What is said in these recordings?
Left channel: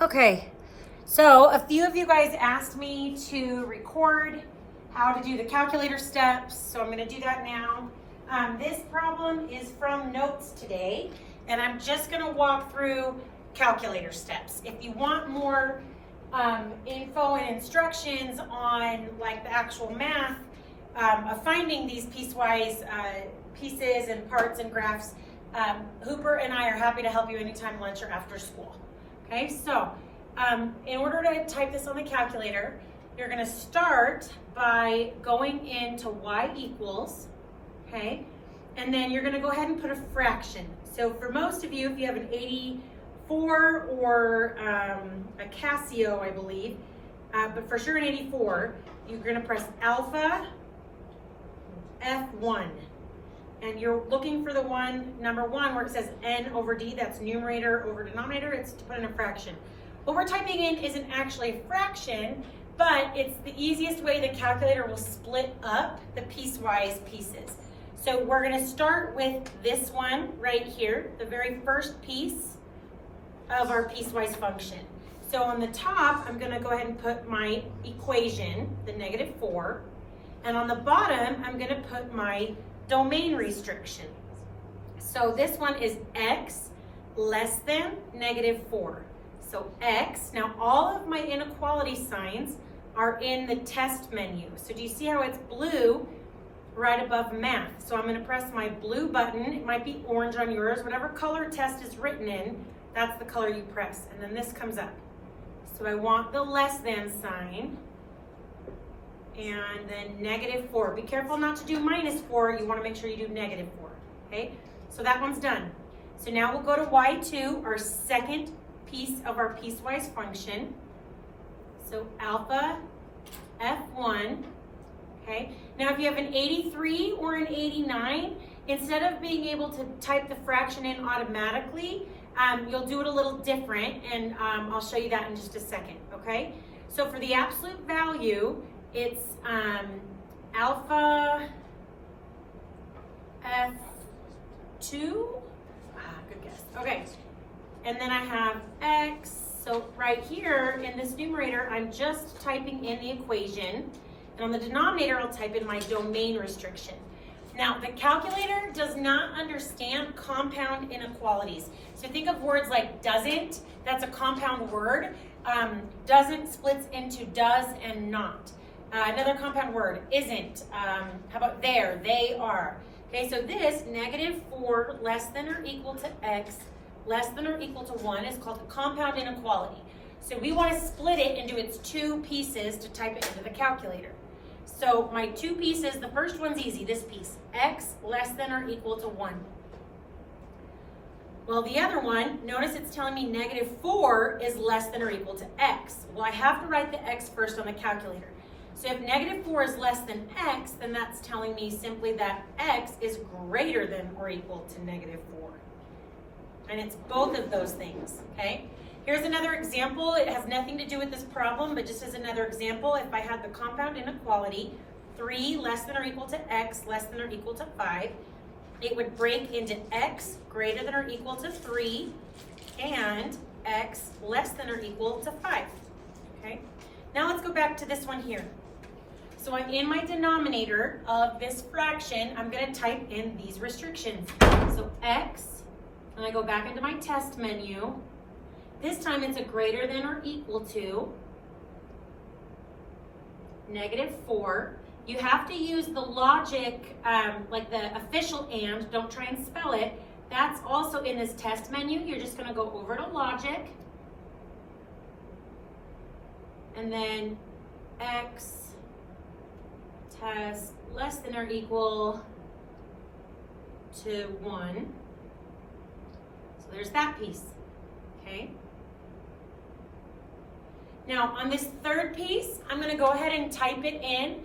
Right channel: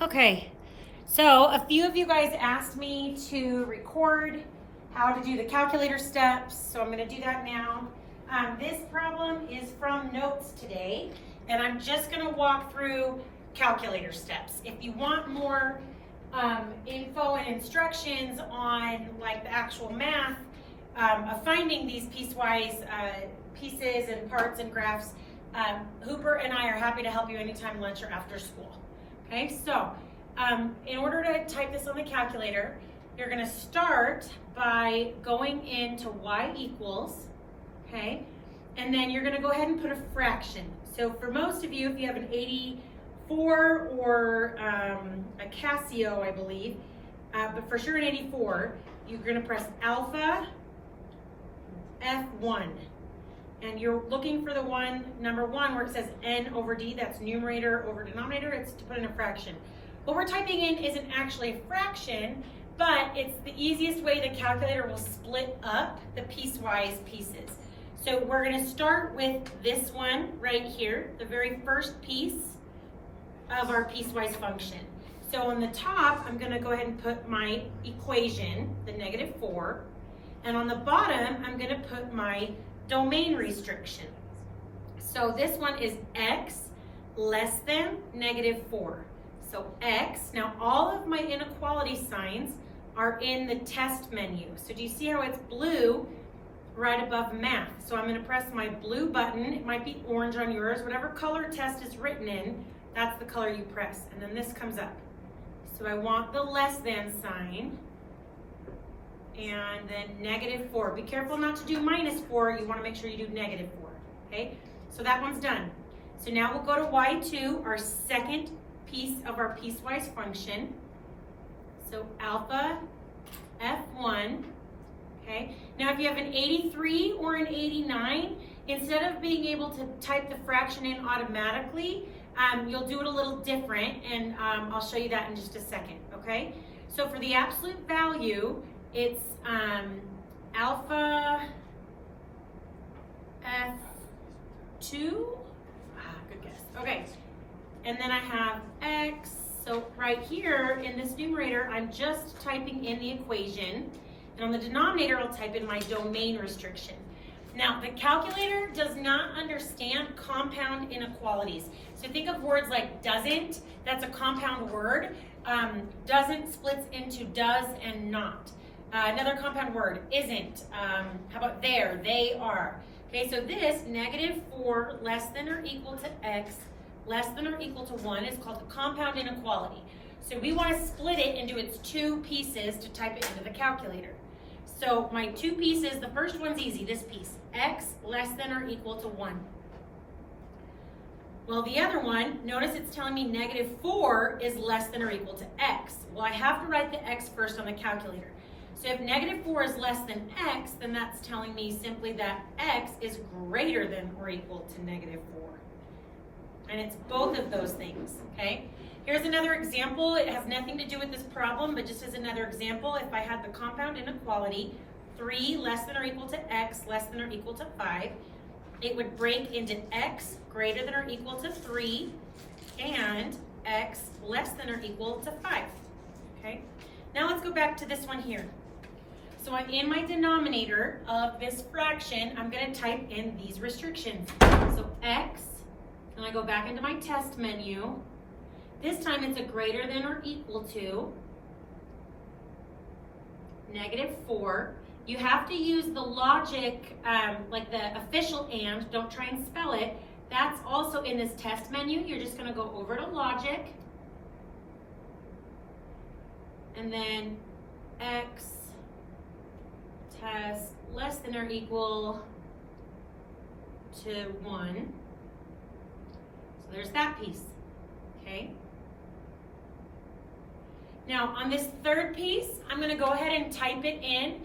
Okay, so a few of you guys asked me to record how to do the calculator steps, so I'm going to do that now. This problem is from notes today, and I'm just going to walk through calculator steps. If you want more info and instructions on like the actual math of finding these piecewise pieces and parts and graphs, Hooper and I are happy to help you anytime lunch or after school. Okay, so in order to type this on the calculator, you're going to start by going into y equals, okay, and then you're going to go ahead and put a fraction. So for most of you, if you have an 84 or a Casio, I believe, but for sure an 84, you're going to press alpha F1. And you're looking for the number one, where it says n over d, that's numerator over denominator, it's to put in a fraction. What we're typing in isn't actually a fraction, but it's the easiest way the calculator will split up the piecewise pieces. So we're gonna start with this one right here, the very first piece of our piecewise function. So on the top, I'm gonna go ahead and put my equation, the -4, and on the bottom, I'm gonna put my domain restriction. So this one is x less than -4. So x, now all of my inequality signs are in the test menu. So do you see how it's blue right above math? So I'm going to press my blue button. It might be orange on yours. Whatever color test is written in, that's the color you press. And then this comes up. So I want the less than sign. And then -4. Be careful not to do -4. You want to make sure you do -4. Okay? So that one's done. So now we'll go to y2, our second piece of our piecewise function. So alpha F1. Okay? Now if you have an 83 or an 89, instead of being able to type the fraction in automatically, you'll do it a little different, and I'll show you that in just a second. Okay? So for the absolute value, it's alpha F2. Good guess. Okay. And then I have x. So right here in this numerator, I'm just typing in the equation. And on the denominator, I'll type in my domain restriction. Now, the calculator does not understand compound inequalities. So think of words like doesn't. That's a compound word. Doesn't splits into does and not. Another compound word, isn't. How about there? They are. Okay, so this -4 less than or equal to x less than or equal to 1 is called a compound inequality. So we want to split it into its two pieces to type it into the calculator. So my two pieces, the first one's easy, this piece, x less than or equal to 1. Well, the other one, notice it's telling me -4 is less than or equal to x. Well, I have to write the x first on the calculator. So if -4 is less than x, then that's telling me simply that x is greater than or equal to -4. And it's both of those things, okay? Here's another example. It has nothing to do with this problem, but just as another example, if I had the compound inequality, 3 less than or equal to x less than or equal to 5, it would break into x greater than or equal to 3 and x less than or equal to 5, okay? Now let's go back to this one here. So I'm in my denominator of this fraction, I'm going to type in these restrictions. So x, and I go back into my test menu. This time it's a greater than or equal to -4. You have to use the logic, like the official and, don't try and spell it. That's also in this test menu. You're just going to go over to logic. And then x test less than or equal to 1. So there's that piece, okay? Now on this third piece, I'm gonna go ahead and type it in.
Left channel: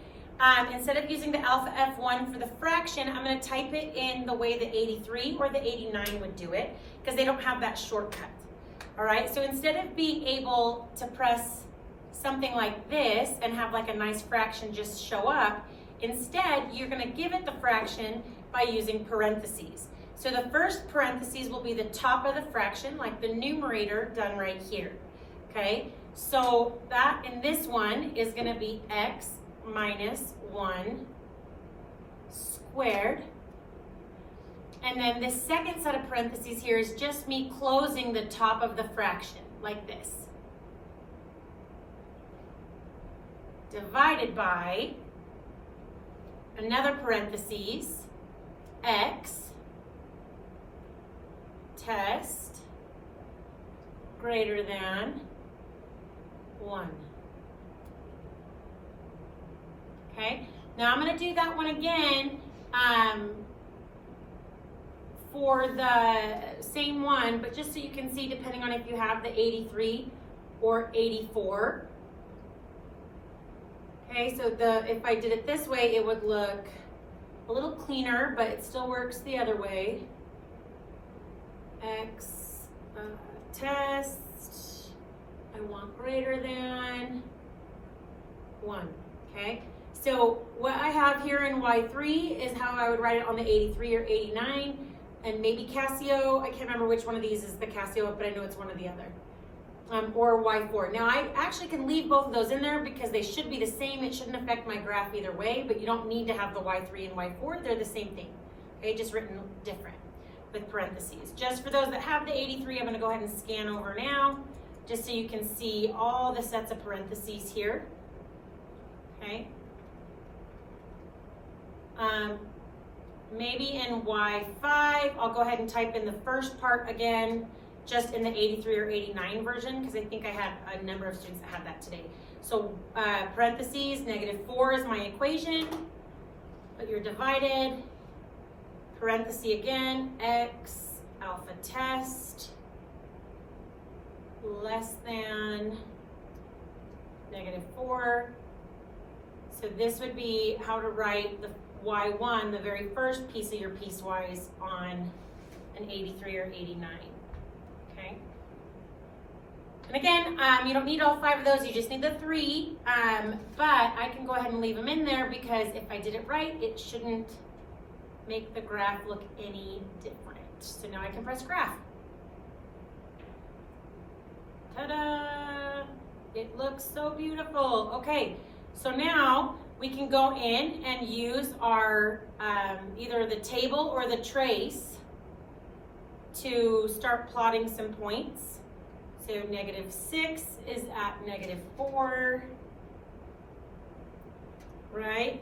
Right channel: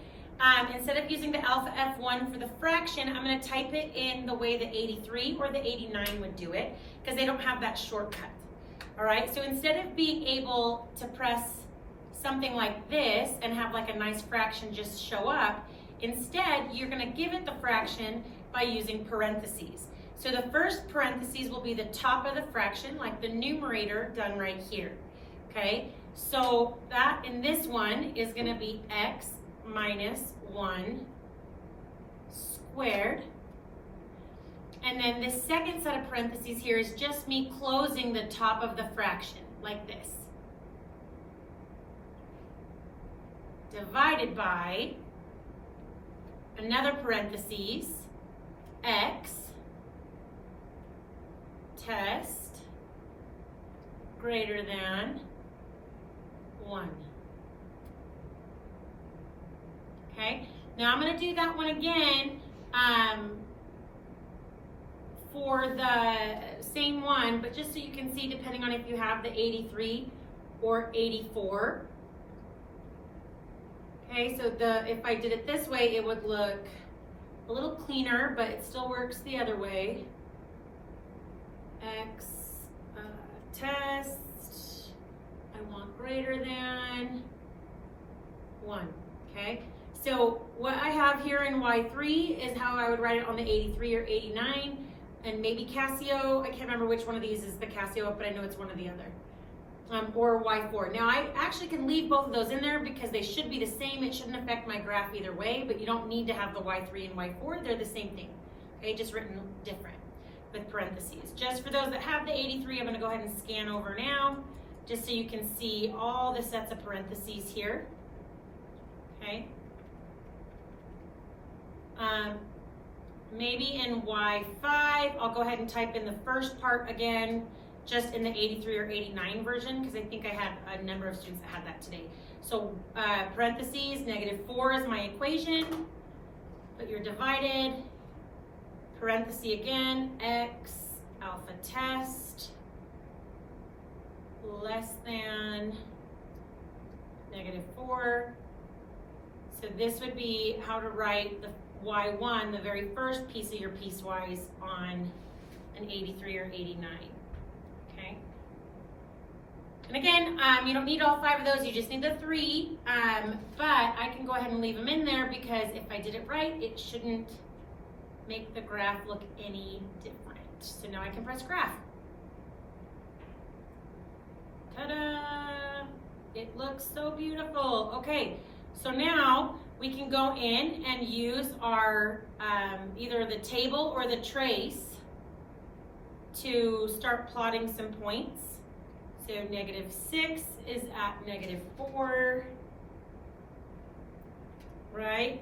Instead of using the alpha F1 for the fraction, I'm gonna type it in the way the 83 or the 89 would do it, because they don't have that shortcut, all right? So instead of being able to press something like this and have like a nice fraction just show up, instead you're going to give it the fraction by using parentheses. So the first parentheses will be the top of the fraction, like the numerator done right here. Okay, so that in this one is going to be x minus 1 squared. And then this second set of parentheses here is just me closing the top of the fraction, like this. Divided by another parentheses, x test greater than 1. Okay, now I'm going to do that one again for the same one, but just so you can see, depending on if you have the 83 or 84. Okay, so if I did it this way, it would look a little cleaner, but it still works the other way. X test, I want greater than 1, okay? So what I have here in Y3 is how I would write it on the 83 or 89, and maybe Casio, I can't remember which one of these is the Casio, but I know it's one or the other. Or Y4. Now I actually can leave both of those in there because they should be the same. It shouldn't affect my graph either way, but you don't need to have the Y3 and Y4. They're the same thing, okay? Just written different with parentheses. Just for those that have the 83, I'm going to go ahead and scan over now, just so you can see all the sets of parentheses here, okay? Maybe in Y5, I'll go ahead and type in the first part again, just in the 83 or 89 version, because I think I had a number of students that had that today. So parentheses, -4 is my equation, but you're divided, parenthesis again, x alpha test less than -4. So this would be how to write the Y1, the very first piece of your piecewise on an 83 or 89. Okay. And again, you don't need all 5 of those, you just need the 3, but I can go ahead and leave them in there because if I did it right, it shouldn't make the graph look any different. So now I can press graph. Ta-da! It looks so beautiful. Okay, so now we can go in and use our either the table or the trace to start plotting some points. So -6 is at -4, right?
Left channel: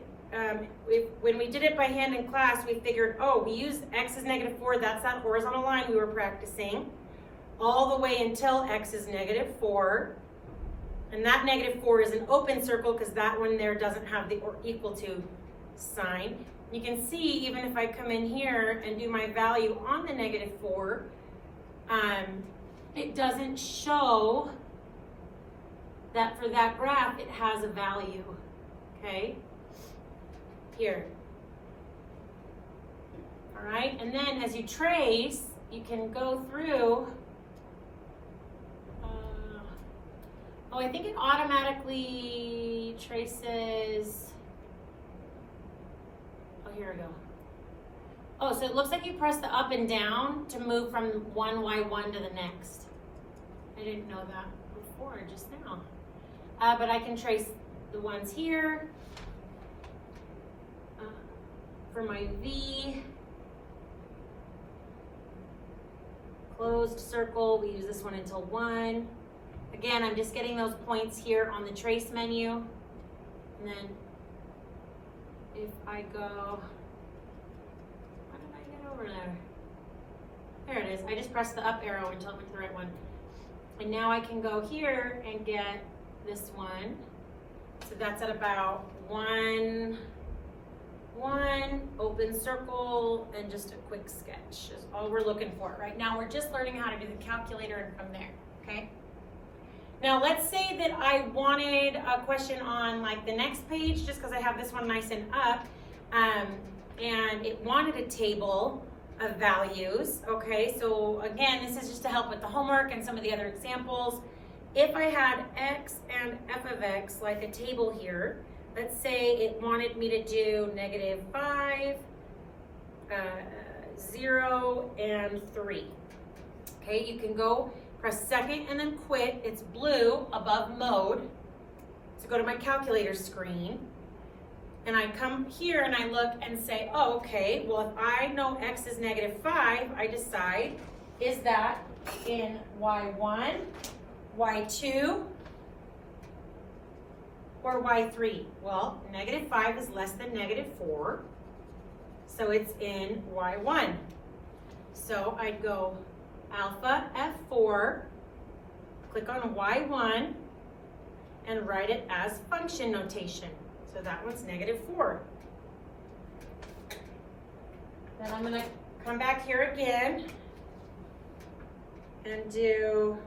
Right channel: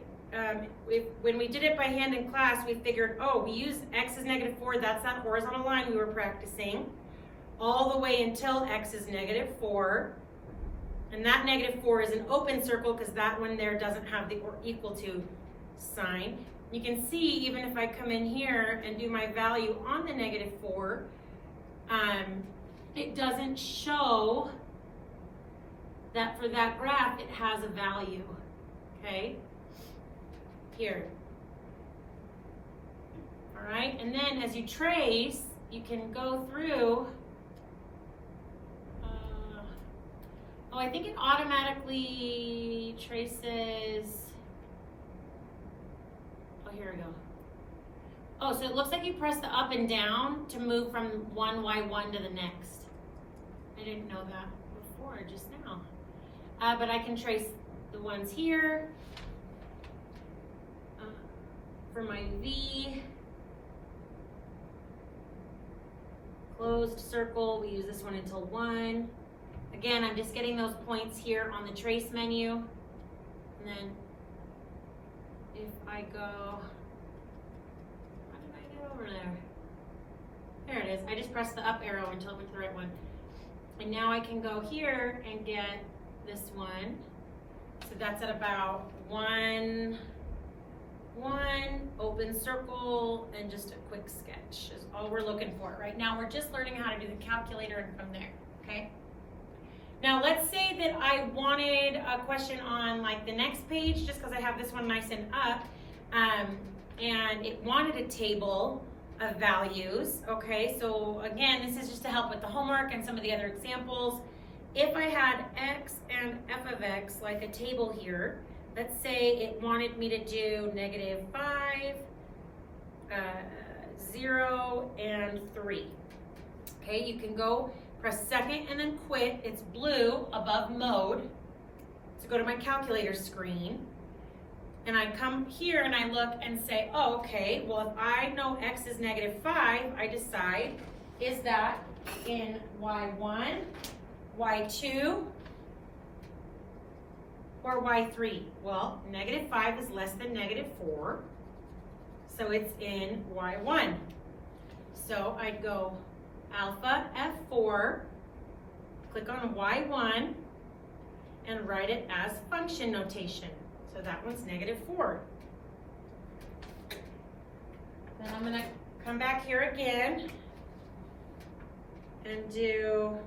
When we did it by hand in class, we figured, oh, we used x is -4, that's that horizontal line we were practicing, all the way until x is -4. And that -4 is an open circle because that one there doesn't have the equal to sign. You can see, even if I come in here and do my value on the -4, it doesn't show that for that graph it has a value, okay? Here. All right, and then as you trace, you can go through. Oh, I think it automatically traces. Oh, here we go. Oh, so it looks like you press the up and down to move from one Y1 to the next. I didn't know that before, just now. But I can trace the ones here. For my V, closed circle, we use this one until 1. Again, I'm just getting those points here on the trace menu. And then if I go, how did I get over there? There it is. I just pressed the up arrow until I picked the right one. And now I can go here and get this one. So that's at about 1, open circle, and just a quick sketch is all we're looking for. Right now we're just learning how to do the calculator and from there, okay? Now let's say that I wanted a question on like the next page, just because I have this one nice and up, and it wanted a table of values, okay? So again, this is just to help with the homework and some of the other examples. If I had x and f of x, like a table here, let's say it wanted me to do -5, 0, and 3. Okay, you can go Press second and then quit. It's blue above mode. So go to my calculator screen. And I come here and I look and say, oh, okay, well, if I know x is -5, I decide, is that in y1, y2, or y3? Well, -5 is less than -4, so it's in y1. So I'd go alpha F4, click on y1, and write it as function notation. So that one's -4. Then I'm going to come back here again and do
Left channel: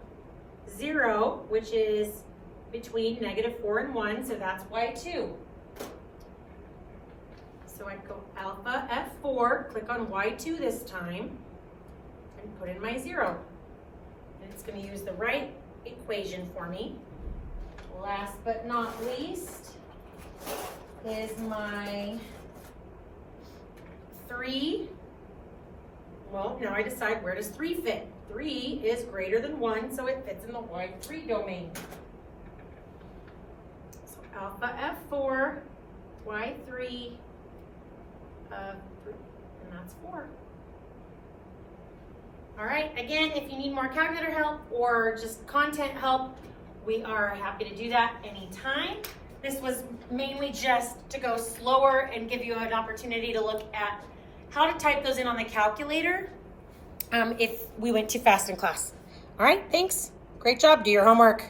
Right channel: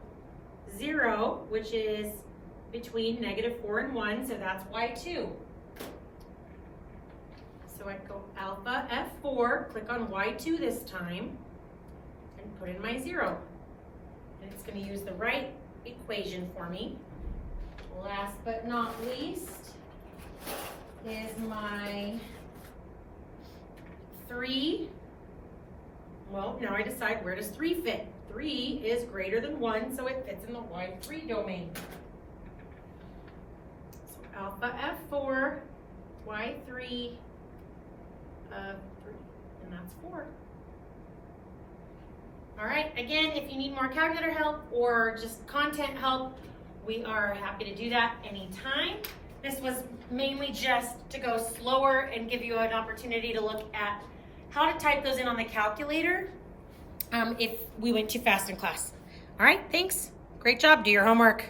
0, which is between -4 and 1, so that's y2. So I go alpha F4, click on y2 this time, and put in my 0. And it's going to use the right equation for me. Last but not least is my 3. Well, now I decide, where does 3 fit? 3 is greater than 1, so it fits in the y3 domain. So alpha F4, y3 of 3, and that's 4. All right, again, if you need more calculator help or just content help, we are happy to do that anytime. This was mainly just to go slower and give you an opportunity to look at how to type those in on the calculator if we went too fast in class. All right, thanks. Great job. Do your homework.